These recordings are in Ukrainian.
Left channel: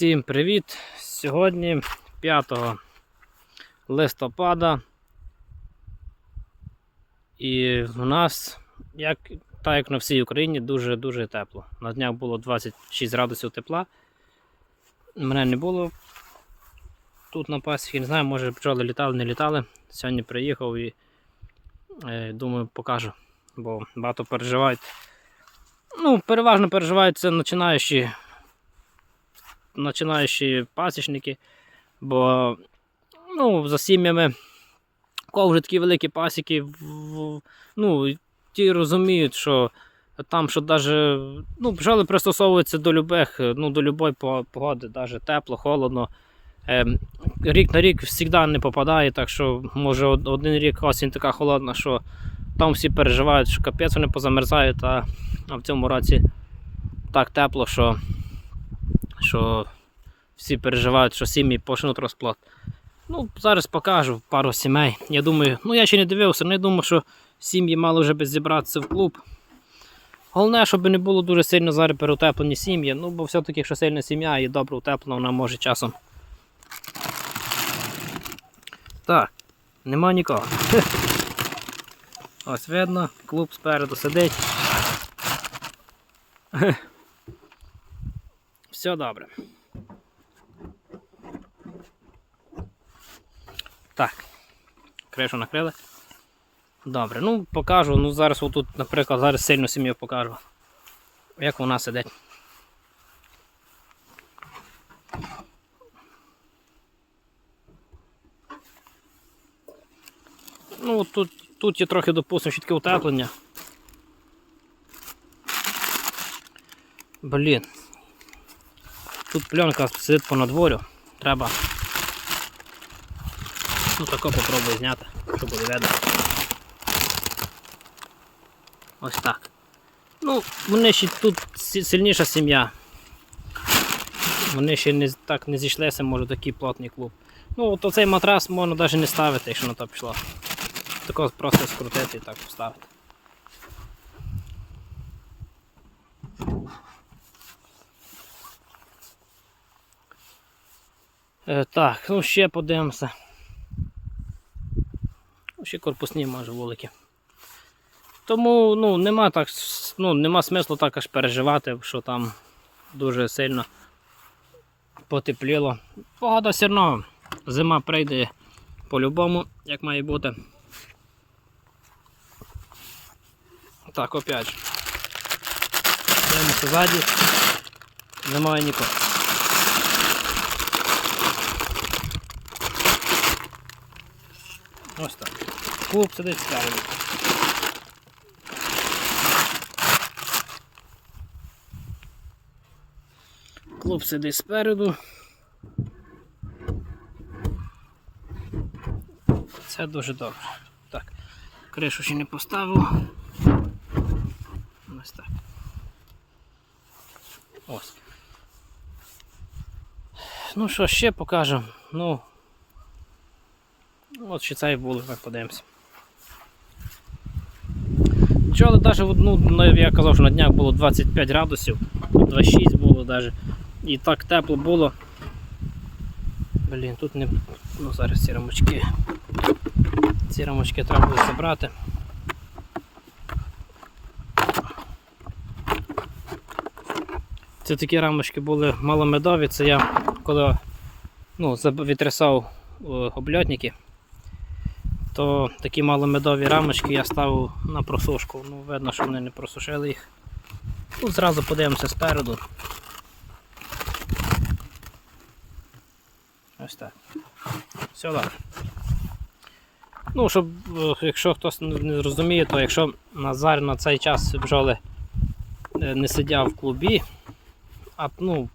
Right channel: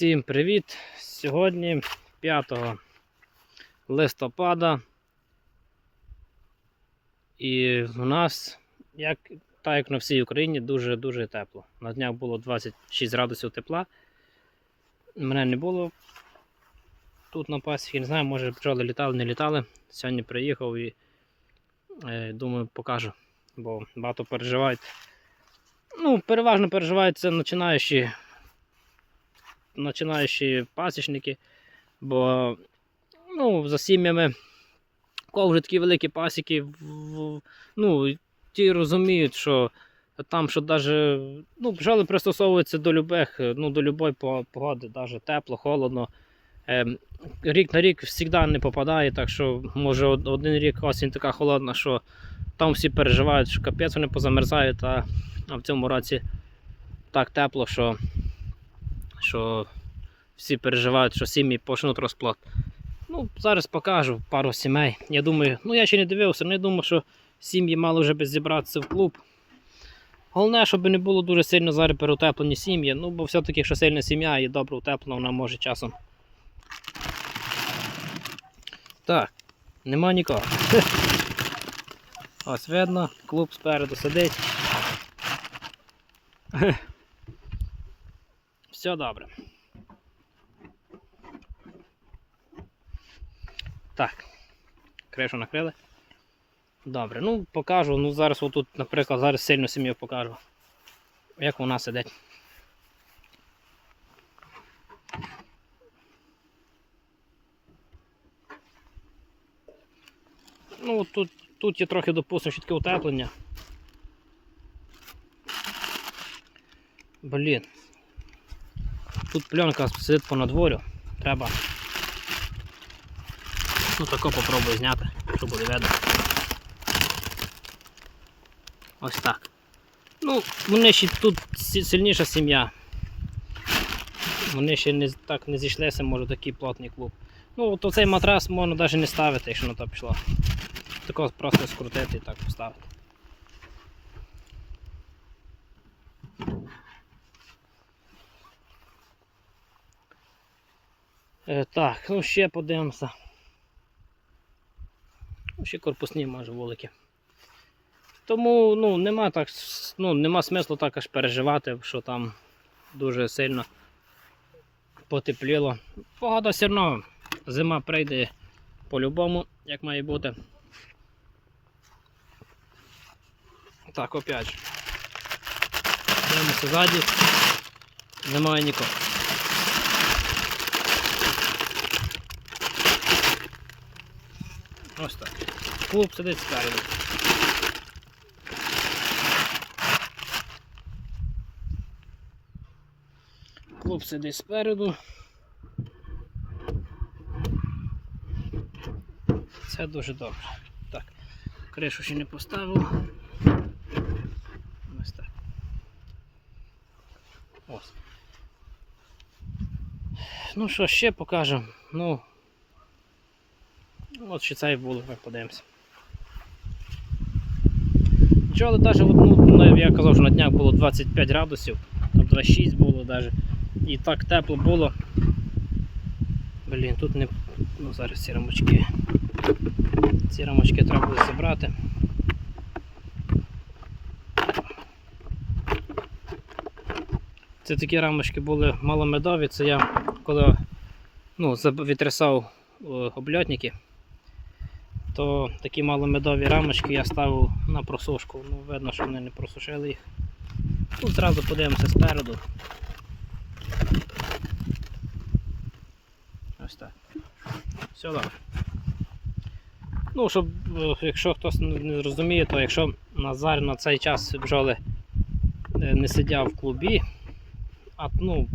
Всім привіт! Сьогодні 5 листопада. І в нас, як, так як на всій Україні, дуже-дуже тепло. На днях було 26 градусів тепла. Мене не було тут на пасіці, не знаю, може бджоли літали, не літали. Сьогодні приїхав і е, думаю, покажу, бо багато переживають. Ну, переважно переживають це починаючі починаючі пасічники, бо ну, за сім'ями, кого вже такі великі пасіки, ну, ті розуміють, що там, що даже, ну, бджоли пристосовуються до любих, ну, до любої погоди, навіть тепло, холодно. Ем, рік на рік завжди не попадає, так що може один рік осінь така холодна, що там всі переживають, що капець вони позамерзають, а в цьому році так тепло, що що всі переживають, що сім'ї почнуть розплод. Ну, зараз покажу пару сімей. Я думаю, ну я ще не дивився, але я думаю, що сім'ї мали вже би зібратися в клуб. Головне, щоб не було дуже сильно зараз переутеплені сім'ї, ну бо все-таки, якщо сильна сім'я і добре утеплена, вона може часом. Так, нема нікого. Ось видно, клуб спереду сидить. Все добре. Так. Кришу накрили. Добре, ну покажу. Ну зараз отут, наприклад, зараз сильно сім'ю покажу. Як вона сидить. Ну тут, тут є трохи допустимо щітки утеплення. Блін. Тут пленка сидить по надворю. Треба. Ну тако попробую зняти, щоб буде видно. Ось так. Ну, вони ще тут сильніша сім'я. Вони ще не, так не зійшлися, може такий плотний клуб. Ну, от оцей матрас можна навіть не ставити, якщо на то пішло. Тако просто скрутити і так поставити. Так, ну ще подивимося. Ну, Ще корпусні може вулики. Тому ну, нема, так, ну, нема смислу так аж переживати, що там дуже сильно потепліло. Погода все одно, зима прийде по-любому, як має бути. Так, опять. Дивимося ззаді. Немає нікого. Ось так. Клуб сидить спереду. Клуб сидить спереду. Це дуже добре. Так, кришу ще не поставив. Ось так. Ось. Ну що, ще покажу. Ну, От ще цей вулик, ми подивимося. Бджоли навіть одну, ну, я казав, що на днях було 25 градусів, 26 було навіть. І так тепло було. Блін, тут не. Ну зараз ці рамочки. Ці рамочки треба буде забрати. Це такі рамочки були маломедові, це я коли ну, відтрясав е, обльотники то такі маломедові рамочки я ставив на просушку. Ну, видно, що вони не просушили їх. Тут зразу подивимося спереду. Ось так. Все добре. Ну, щоб, е, якщо хтось не зрозуміє, то якщо Назар на цей час бджоли е, не сидять в клубі, а, ну,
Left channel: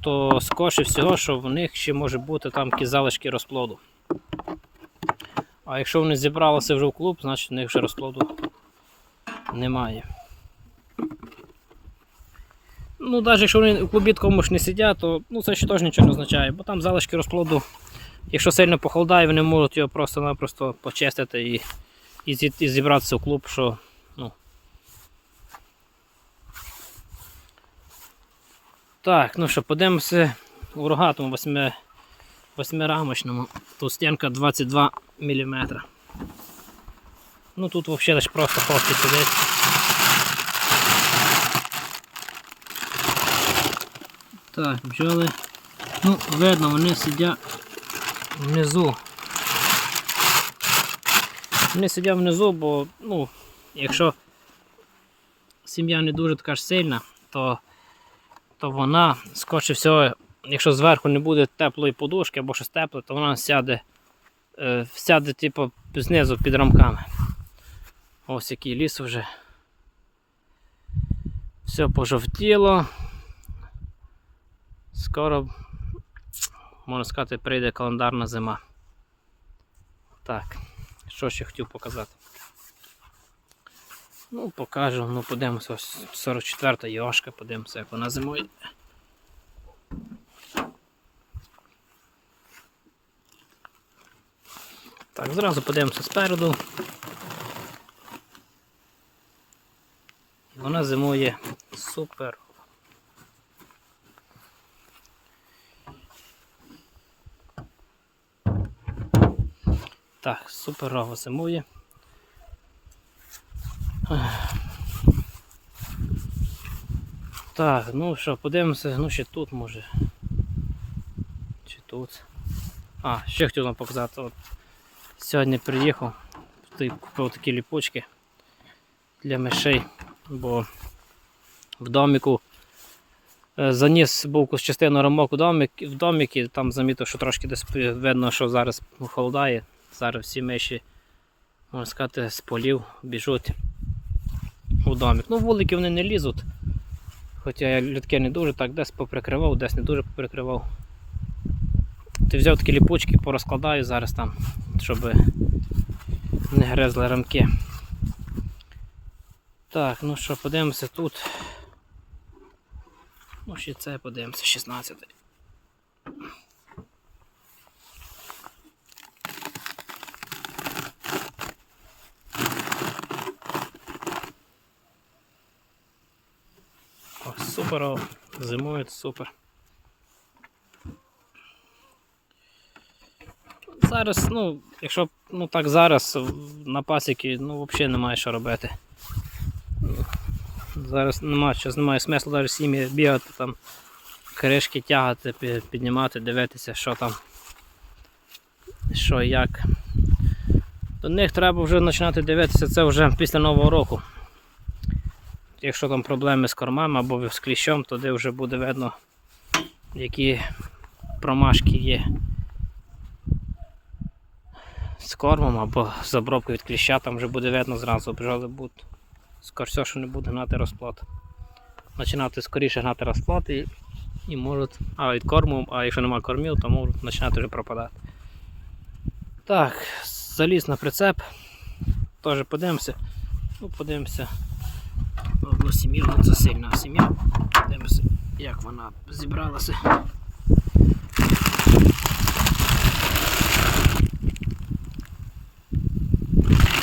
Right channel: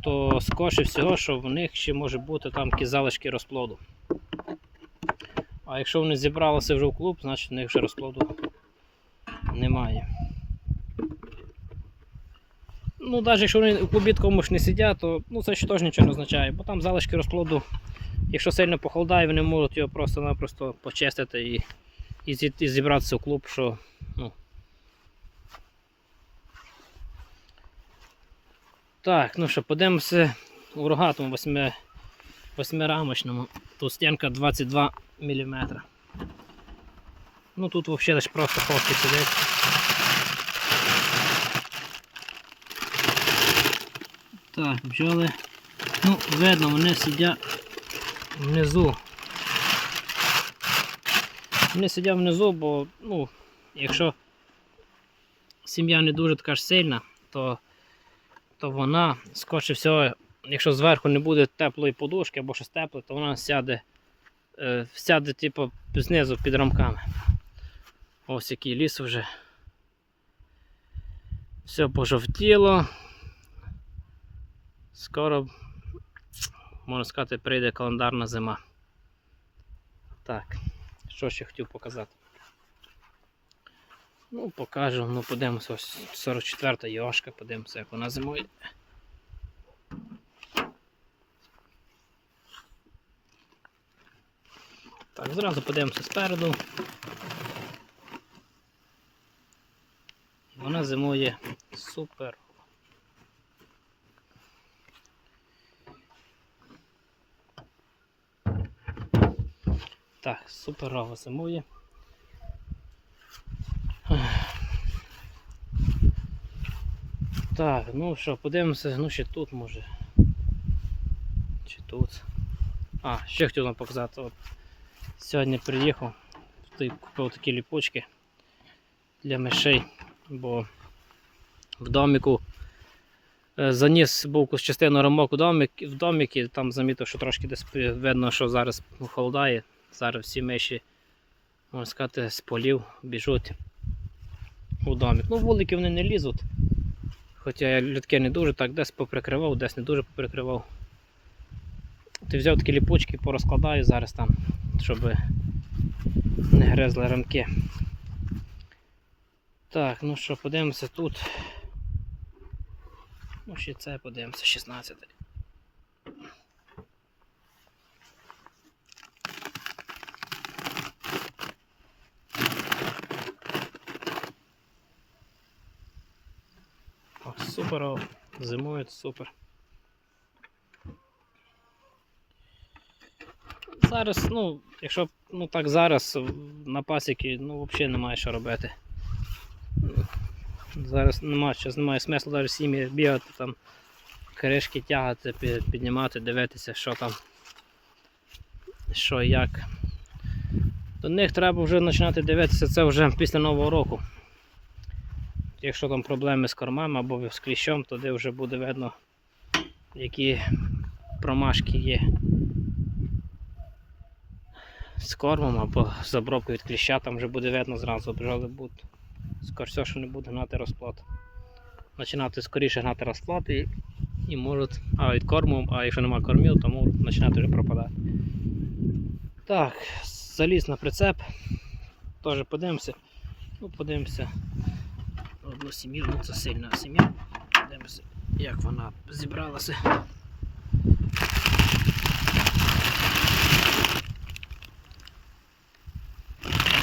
то скорше всього, що в них ще може бути там якісь залишки розплоду. А якщо вони зібралися вже в клуб, значить в них вже розплоду немає. Ну, навіть якщо вони в клубі ж не сидять, то ну, це ще теж нічого не означає, бо там залишки розплоду, якщо сильно похолодає, вони можуть його просто-напросто почистити і, і, і зібратися в клуб, що ну, Так, ну що, подивимося у рогатому восьми, восьмирамочному. Тут стінка 22 мм. Ну тут взагалі лише просто ховки сидить. Так, бджоли. Ну, видно, вони сидять внизу. Вони сидять внизу, бо, ну, якщо сім'я не дуже така ж сильна, то, то вона, скоріше всього, якщо зверху не буде теплої подушки або щось тепле, то вона сяде, е, сяде типу, знизу під рамками. Ось який ліс вже. Все пожовтіло. Скоро, можна сказати, прийде календарна зима. Так, що ще хотів показати. Ну, покажу, ну подивимося, ось 44-та йошка, подивимося, як вона зимує. Так, зразу подивимося спереду. Вона зимує супер. Так, суперово зимує. Так, ну що, подивимося, ну ще тут може. Чи тут. А, ще хотів вам показати. Сьогодні приїхав, купив такі ліпучки для мишей, бо в доміку е, заніс був частину рамок у домик, в домик і там замітив, що трошки десь видно, що зараз холодає. Зараз всі миші, можна сказати, з полів біжуть у домик. Ну, вулики вони не лізуть. Хоча я людки не дуже так десь поприкривав, десь не дуже поприкривав. Ти взяв такі ліпучки, порозкладаю зараз там, щоб не гризли рамки. Так, ну що, подивимося тут. Ну, ще це подивимося, 16. О, супер, о, зимують супер. Зараз, ну, якщо ну так зараз на пасіки, ну взагалі немає що робити. Зараз немає що, немає смислу навіть сім'ї бігати там, кришки тягати, піднімати, дивитися, що там, що як. До них треба вже починати дивитися це вже після Нового року. Якщо там проблеми з кормами або з кліщом, тоді вже буде видно, які промашки є з кормом або з обробкою від кліща, там вже буде видно зразу, бджоли будуть. Скоріше все, що не буде гнати розплод. Починати скоріше гнати розплод і, і можуть, а від корму, а якщо немає кормів, то можуть починати вже пропадати. Так, заліз на прицеп. Теж подивимося. Ну, подивимося. Одну сім'ю, ну це сильна сім'я. Подивимося, як вона зібралася.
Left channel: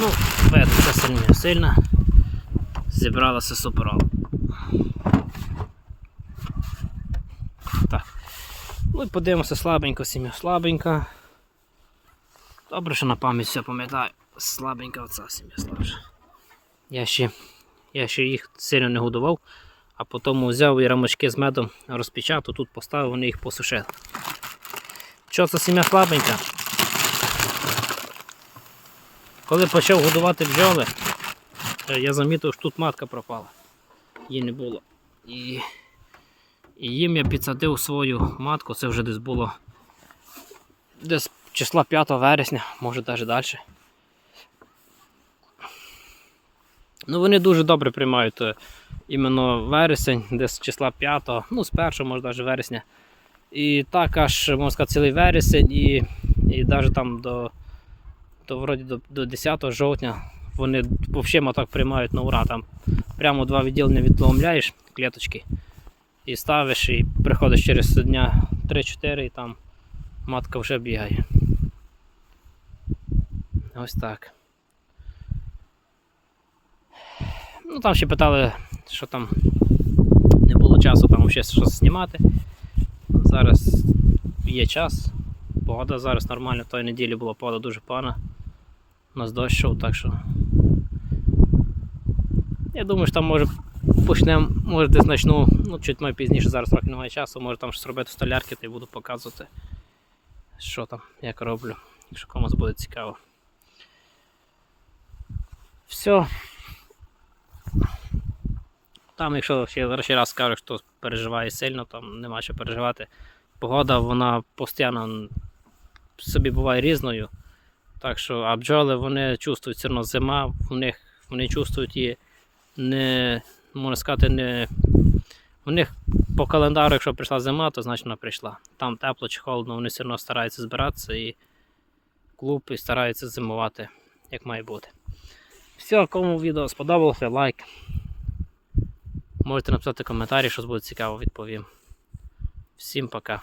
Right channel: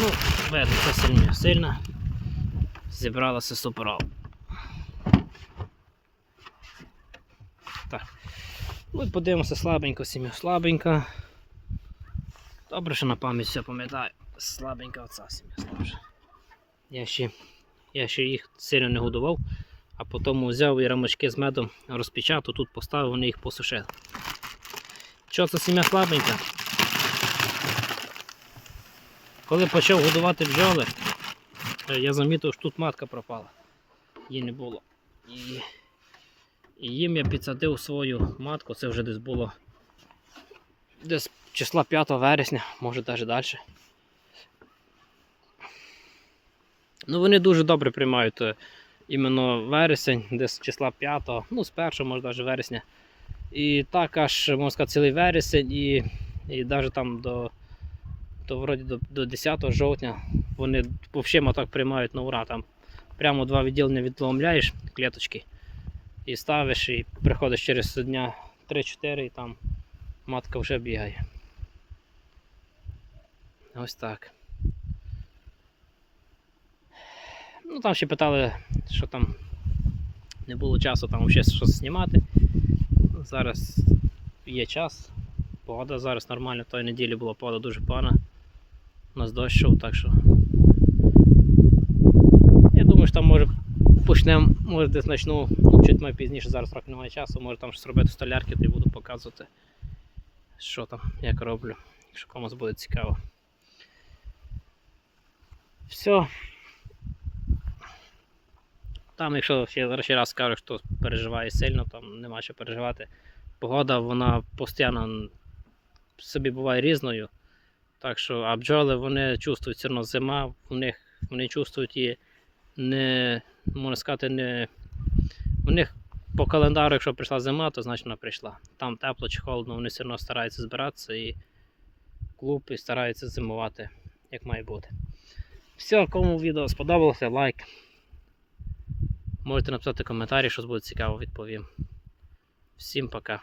Ну, видно, це сильна, сильна. Зібралася суперово. Так. Ну і подивимося слабенько сім'я. Слабенька. Добре, що на пам'ять все пам'ятаю. Слабенька оця сім'я слабша. Я ще, я ще їх сильно не годував, а потім взяв і рамочки з медом розпечатав, тут поставив, вони їх посушили. Що це сім'я слабенька? Коли почав годувати бджоли, е, я замітив, що тут матка пропала. Її не було. І, і їм я підсадив свою матку, це вже десь було десь числа 5 вересня, може навіть далі. Ну, вони дуже добре приймають е, іменно вересень, десь числа 5, ну, з 1, може навіть вересня. І так аж, можна сказати, цілий вересень і, і навіть там до, до, вроді, до, до 10 жовтня вони взагалі так приймають на ура. Там прямо два відділення відломляєш клеточки і ставиш, і приходиш через дня 3-4 і там матка вже бігає. Ось так. Ну там ще питали, що там Не було часу там ще щось знімати. Зараз є час. Погода зараз нормальна. Тої неділі була погода дуже погана. У нас дощ так що. Я думаю, що там може почнемо, може десь почну, ну чуть ми пізніше, зараз трохи немає часу, може там щось робити столярки, то й буду показувати, що там, як роблю, якщо комусь буде цікаво. Все. Там, якщо ще, ще раз скажу, хто переживає сильно, там нема що переживати. Погода, вона постійно собі буває різною. Так що, а бджоли вони чувствують все одно зима, в вони чувствують її не, можна сказати, не. У них по календару, якщо прийшла зима, то значить вона прийшла. Там тепло чи холодно, вони все одно стараються збиратися і клуб і стараються зимувати, як має бути. Все, кому відео сподобалося, лайк. Можете написати коментарі, що буде цікаво, відповім. Всім пока.